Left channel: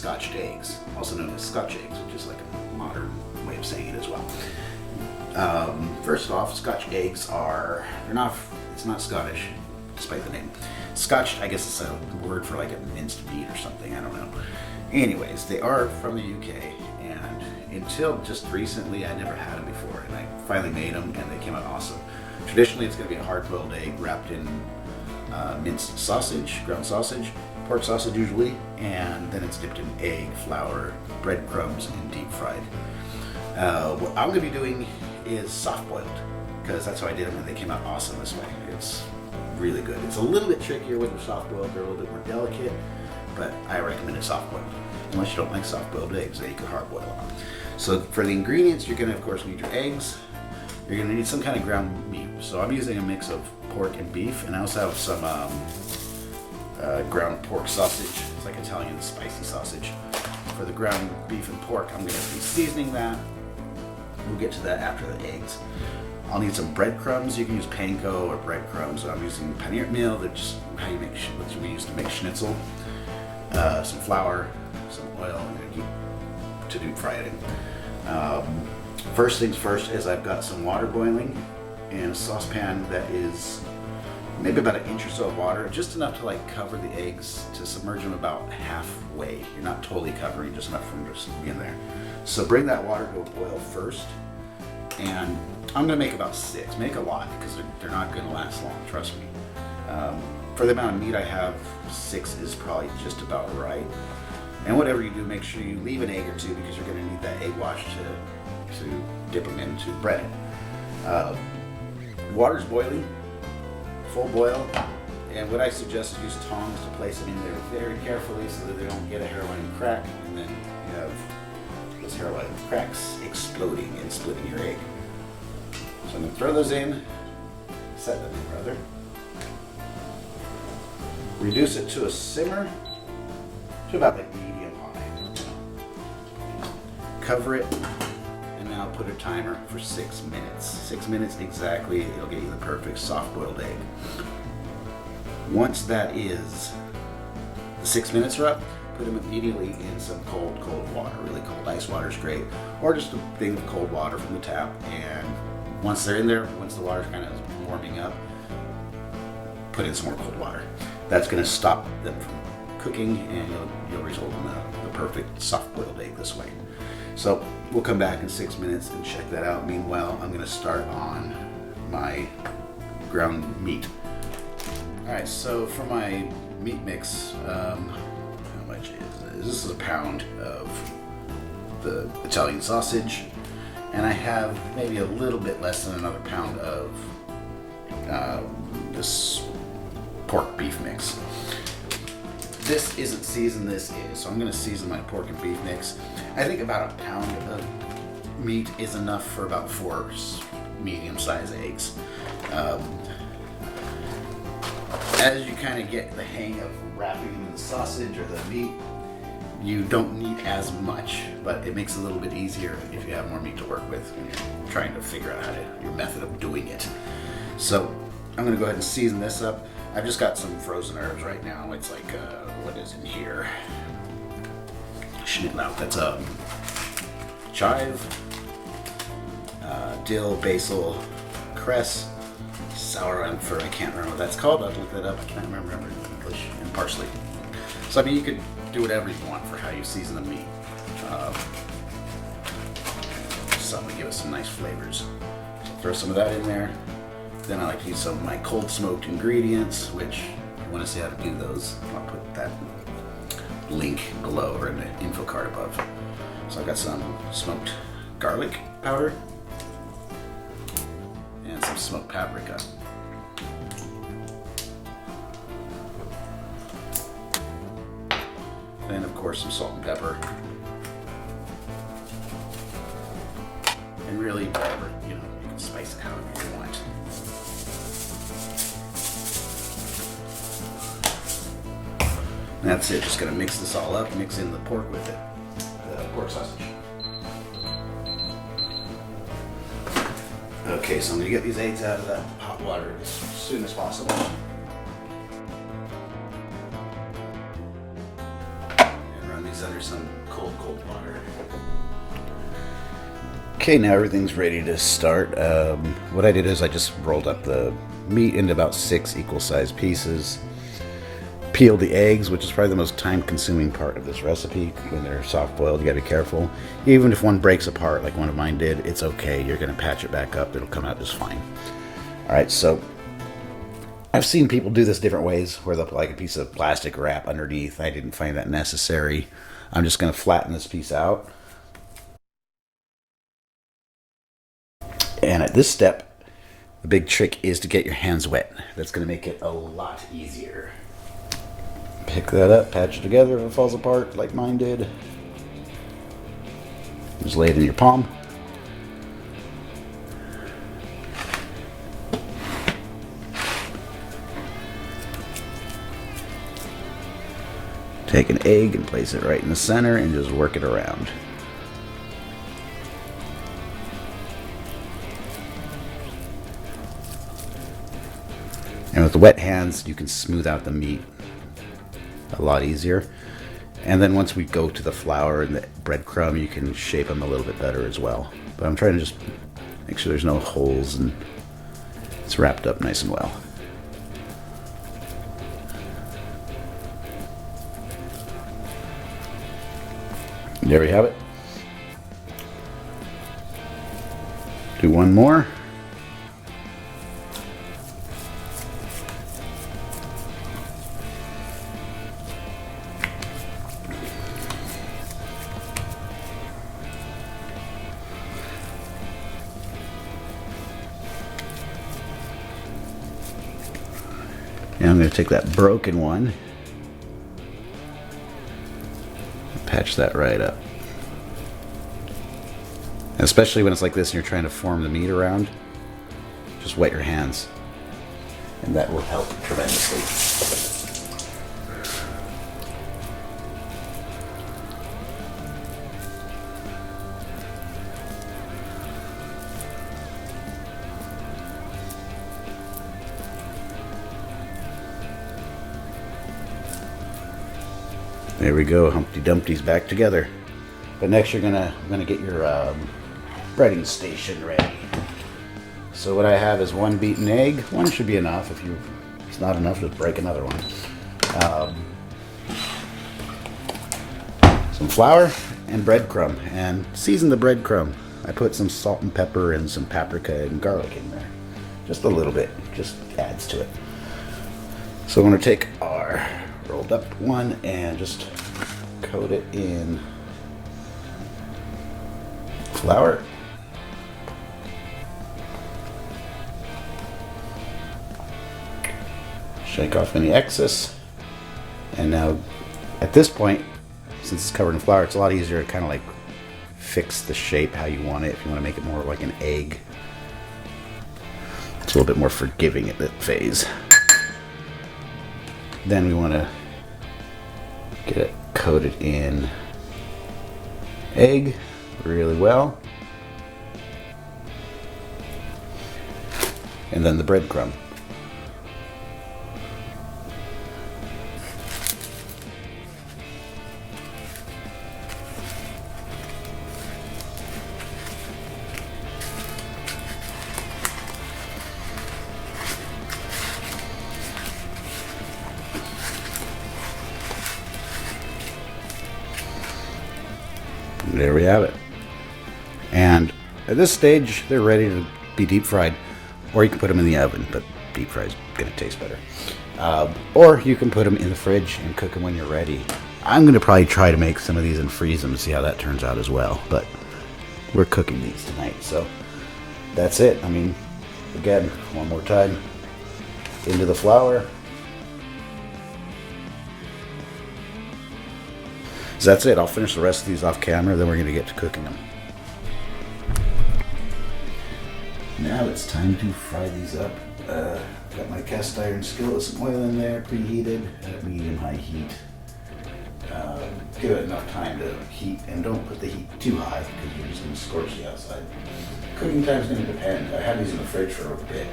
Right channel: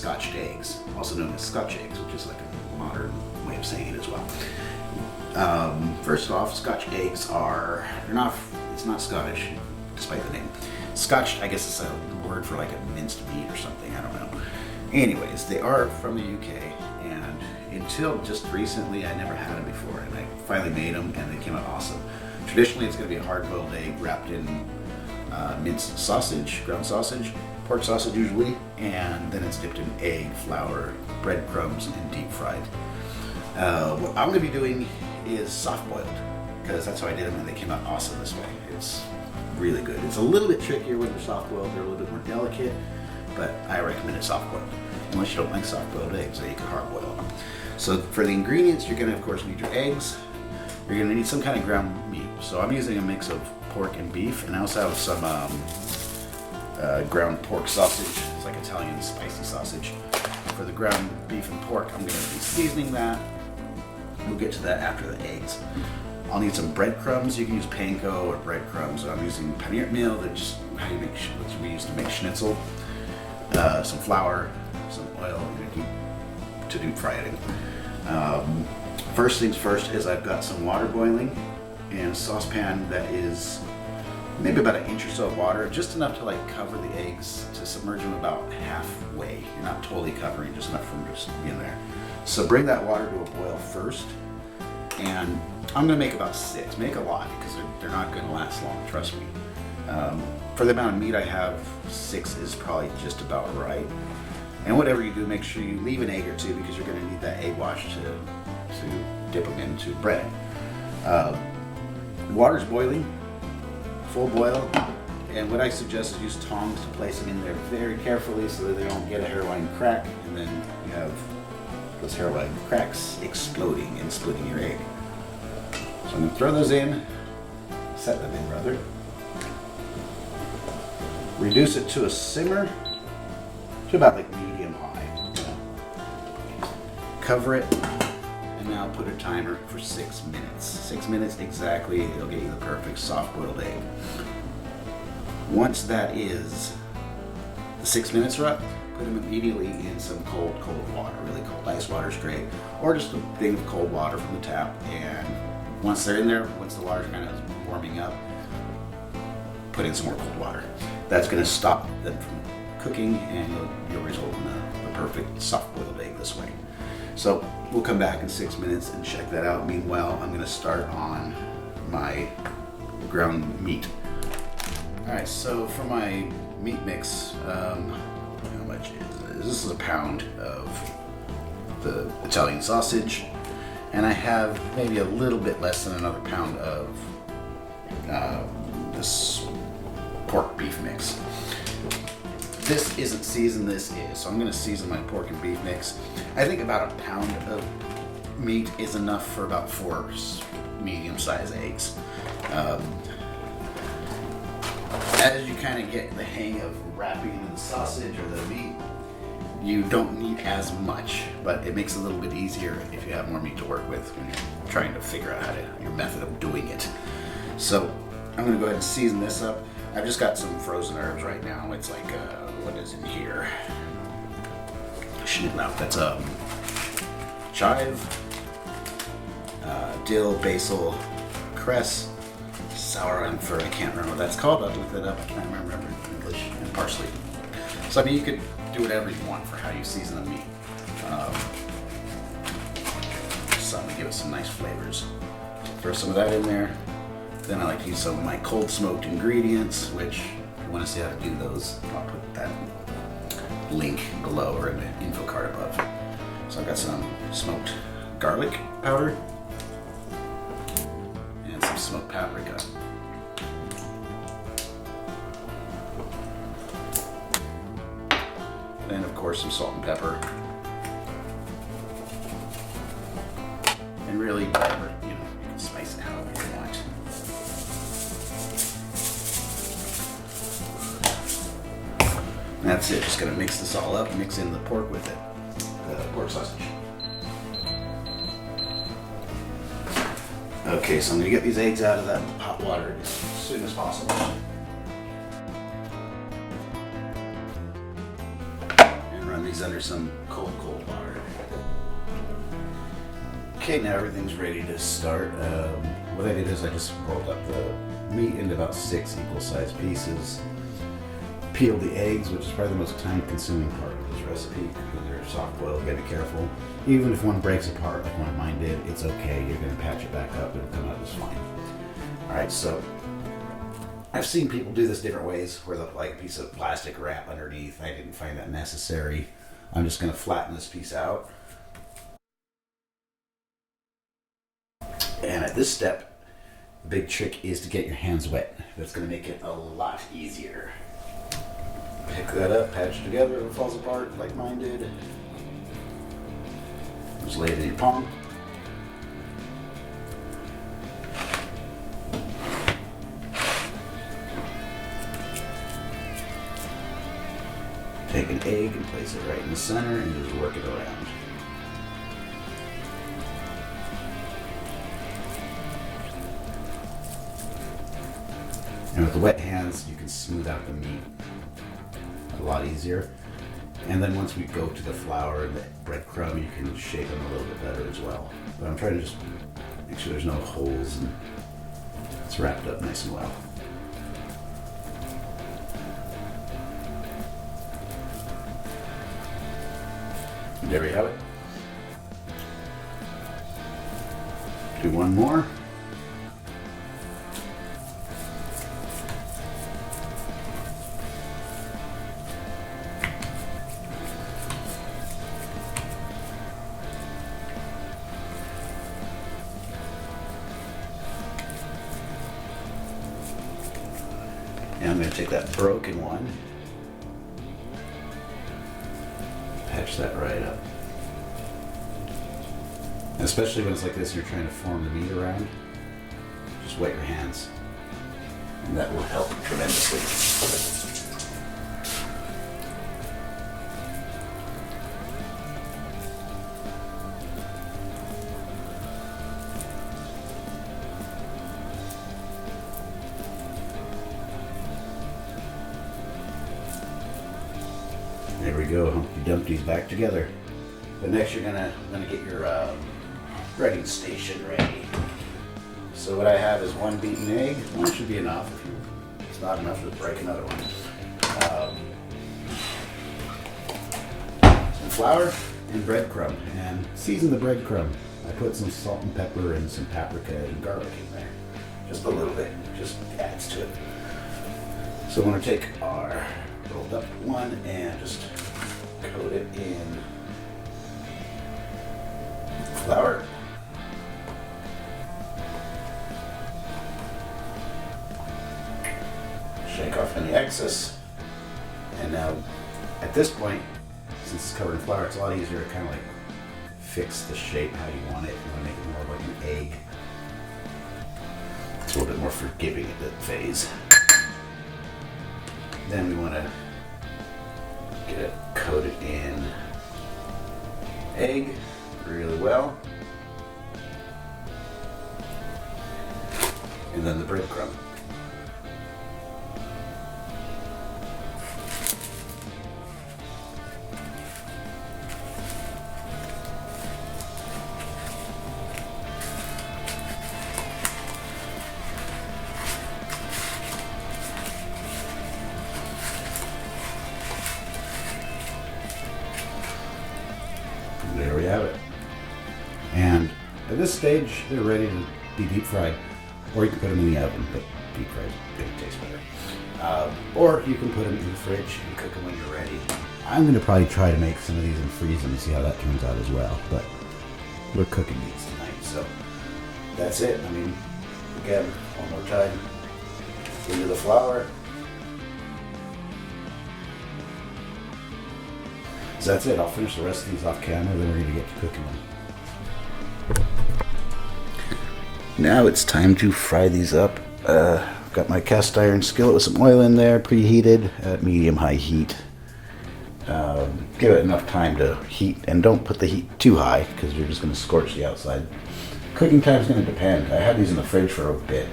scotched eggs, also known as scotch eggs, which is like a modern way of saying it as well. First off, scotch eggs it's not Scottish, despite the name. Scotched, I guess it's a word for like a minced meat or something, I don't know. Anyways, they are from the UK, and until just recently I never had them before, and I finally made them and they came out awesome. Traditionally it's going to be a hard-boiled egg wrapped in minced sausage, ground sausage, pork sausage usually, and then it's dipped in egg, flour, breadcrumbs, and deep fried. What I'm going to be doing is soft boiled, because that's how I did them and they came out awesome this way. It's really good. It's a little bit trickier when they're soft boiled, they're a little bit more delicate, but I recommend it soft boiled. Unless you don't like soft boiled eggs, then you can hard boil them. So for the ingredients, you're going to of course need your eggs. You're going to need some kind of ground meat. So I'm using a mix of pork and beef, and I also have some ground pork sausage. It's like Italian spicy sausage. For the ground beef and pork, I'm going to be seasoning that. We'll get to that after the eggs. I'll need some breadcrumbs. You can use panko or breadcrumbs. I'm using paneer meal. That's just how you make what we use to make schnitzel. Some flour, some oil to deep fry it in. First things first is I've got some water boiling in a saucepan that is maybe about 1 inch or so of water, just enough to like cover the eggs, to submerge them about halfway. You're not totally covering, just enough for them to just be in there. So bring that water to a boil first, and I'm gonna make about 6. Make a lot because they're not gonna last long, trust me. For the amount of meat I have, 6 is probably just about right. And whatever you do, make sure you leave an egg or two, because you're gonna need that egg wash to dip them into bread. Water's boiling, full boil, and what I suggest is use tongs to place them in there very carefully so that they don't get a hairline crack, and then you have those hairline cracks exploding and splitting your egg. So I'm going to throw those in, set them in rather. Reduce it to a simmer, to about like medium high. Cover it, and now put a timer for 6 minutes. 6 minutes exactly, it'll get you the perfect soft-boiled egg. Once that is, the 6 minutes are up, put them immediately in some cold water. Really cold ice water is great, or just a thing of cold water from the tap. And once they're in there, once the water's kind of warming up, put in some more cold water. That's going to stop them from cooking, and you'll result in the perfect soft-boiled egg this way. So we'll come back in 6 minutes and check that out. Meanwhile, I'm going to start on my ground meat. All right, so for my meat mix, how much is this? This is a pound of the Italian sausage, and I have maybe a little bit less than another pound of this pork beef mix. This isn't seasoned, this is. So I'm going to season my pork and beef mix. I think about a pound of meat is enough for about 4 medium-sized eggs. As you kind of get the hang of wrapping into the sausage or the meat, you don't need as much, but it makes it a little bit easier if you have more meat to work with when you're trying to figure out your method of doing it. So I'm going to go ahead and season this up. I've just got some frozen herbs right now. It's like, what is in here? Schnittlauch. That's chive, dill, basil, cress, sour onion. I can't remember what that's called. I'll look that up. I can't remember in English. And parsley. So I mean, you could do whatever you want for how you season the meat. Something to give it some nice flavors. So throw some of that in there. Then I like to use some of my cold smoked ingredients, which if you want to see how to do those, I'll put that link below or in the info card above. So I've got some smoked garlic powder and some smoked paprika. Then of course some salt and pepper. And really whatever, you can spice it however you want. And that's it, just gonna mix this all up, mix in the pork with it, the pork sausage. Okay, so I'm gonna get these eggs out of that hot water as soon as possible. And run these under some cold water. Okay, now everything's ready to start. What I did is I just rolled up the meat into about 6 equal-sized pieces. Peeled the eggs, which is probably the most time-consuming part of this recipe. When they're soft-boiled, you gotta be careful. Even if one breaks apart, like one of mine did, it's okay. You're gonna patch it back up. It'll come out just fine. All right, so I've seen people do this different ways, where they'll put like a piece of plastic wrap underneath. I didn't find that necessary. I'm just gonna flatten this piece out. And at this step, the big trick is to get your hands wet. That's gonna make it a lot easier. Pick that up, patch it together if it falls apart like mine did. Just lay it in your palm. Take an egg and place it right in the center and just work it around. And with the wet hands, you can smooth out the meat a lot easier. And then once we go to the flour and the breadcrumb, you can shape them a little bit better as well. But I'm trying to just make sure there's no holes and it's wrapped up nice and well. And there we have it. Do one more. Now I'm going to take that broken one, patch that right up. And especially when it's like this and you're trying to form the meat around, just wet your hands, and that will help tremendously. There we go, Humpty Dumpty's back together. But next you're gonna get your breading station ready. So what I have is 1 beaten egg. 1 should be enough. If it's not enough, just break another one. Some flour and breadcrumb, and season the breadcrumb. I put some salt and pepper and some paprika and garlic in there. Just a little bit, just adds to it. So I'm gonna take our rolled up one and just coat it in flour. Shake off any excess. And now at this point, since it's covered in flour, it's a lot easier to kind of like fix the shape how you want it. If you want to make it more like an egg, it's a little bit more forgiving at that phase. Then we want to get it coated in egg really well. And then the breadcrumb. There we have it. And at this stage, they're ready to be deep fried. Or you can put them in the oven, but deep fried is going to taste better. Or you can put them in the fridge and cook them when you're ready. I'm going to probably try to make some of these and freeze them and see how that turns out as well. But we're cooking these tonight, so that's it. I mean, again, one more time, into the flour. So that's it. I'll finish the rest of these off camera, then we're going to get to cooking them. Now it's time to fry these up. I've got my cast iron skillet with some oil in there, preheated at medium-high heat. Give it enough time to heat, and don't put the heat too high because you're just going to scorch the outside. Cooking time is going to depend. I have these in the fridge for a bit,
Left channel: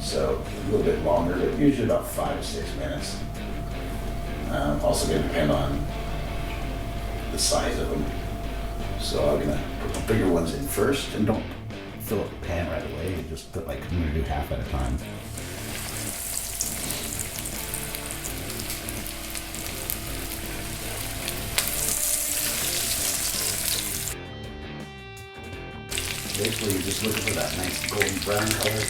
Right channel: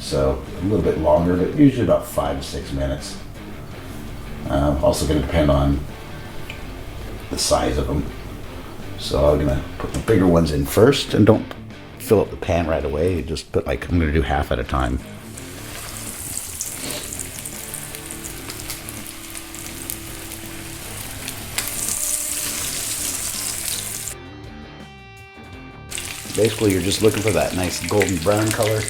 so a little bit longer, but usually about 5 to 6 minutes. Also going to depend on the size of them. So I'm gonna put the bigger ones in first, and don't fill up the pan right away. Just put like, I'm gonna do half at a time. Basically, you're just looking for that nice golden brown color.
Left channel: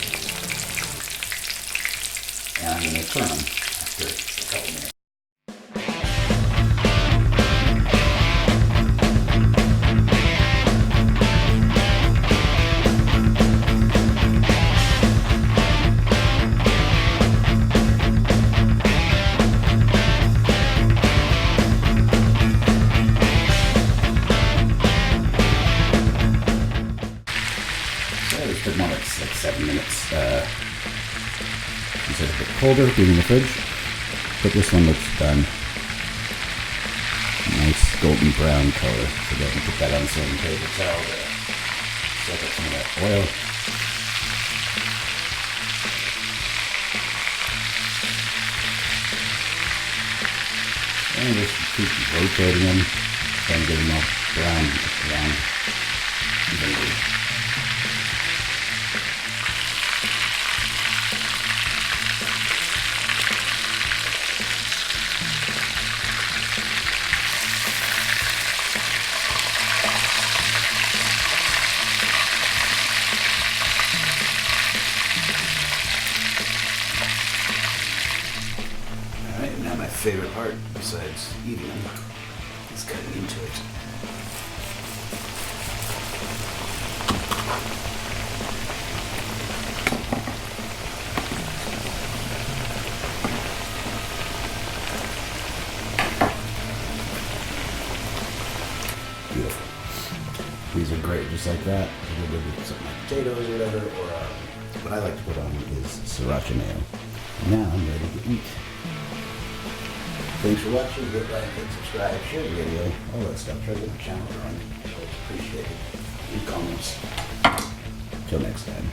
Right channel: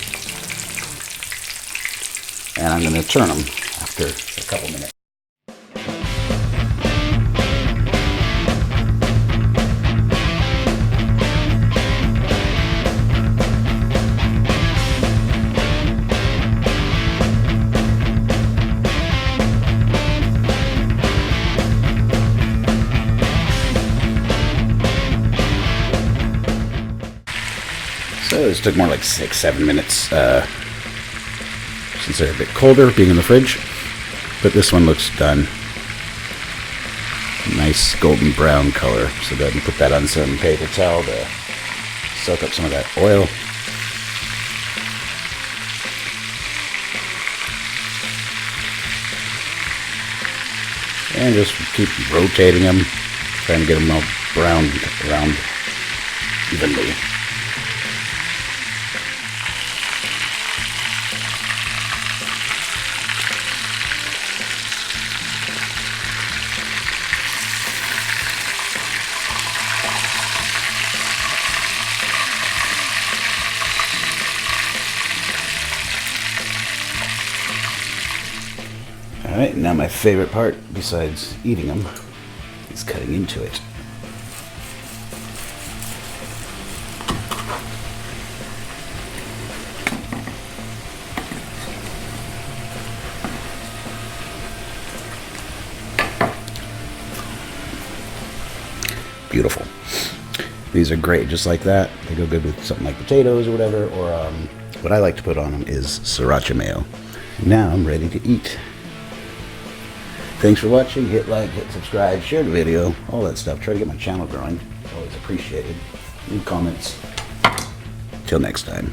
And I'm going to turn them after a couple minutes. So this took more like 6-7 minutes since they're a bit colder being in the fridge, but this one looks done. Nice golden brown color. So then put that on some paper towel to soak up some of that oil. And just keep rotating them, trying to get them all browned around evenly. Alright, now my favorite part, besides eating them, is cutting into it. Beautiful. These are great just like that. They go good with something like potatoes or whatever, or what I like to put on them is sriracha mayo. Now I'm ready to eat. Thanks for watching. Hit like, hit subscribe, share the video, all that stuff. Try to get my channel growing. It's always appreciated. Leave comments. Till next time.